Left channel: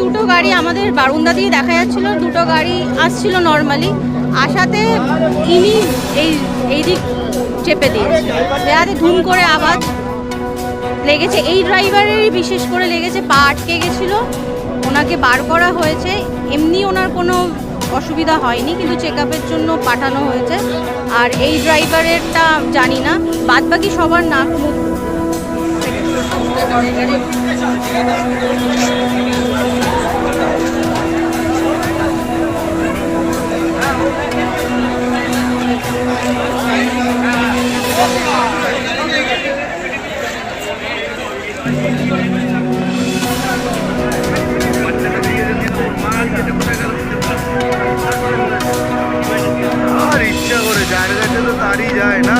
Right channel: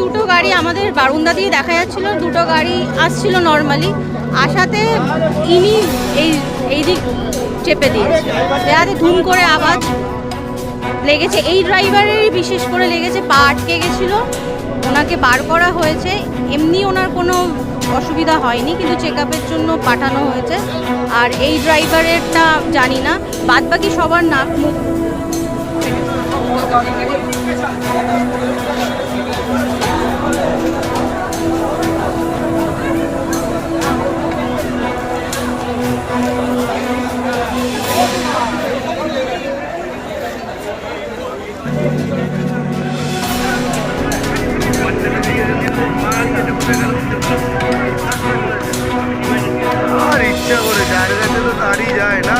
দুটো গাড়ি আমাদের বারান্দা দিয়ে দেখা যাচ্ছিল, দুটো গাড়ি আসছিল নর্মালি, আসাতে ইনি এই দিক চেপে দিয়েছে, দেয়াতে ধুম করে আওয়াজ লেগেছে। এই ড্রাইভারেরই বিশেষ করে লেগেছে, পা আটকে গেছিলো, ওনাকে বার করা হয়েছে। এমনি ওনার কোনো অসুবিধা হয়নি, কিন্তু চেক আপের জন্য পাঠানো হয়েছে। আর এই ড্রাইভারেরটা জানি না, বাদবাকি সবার নাক মুখ আর ইচ্ছা করে যার কাছে তো তারই যায় না।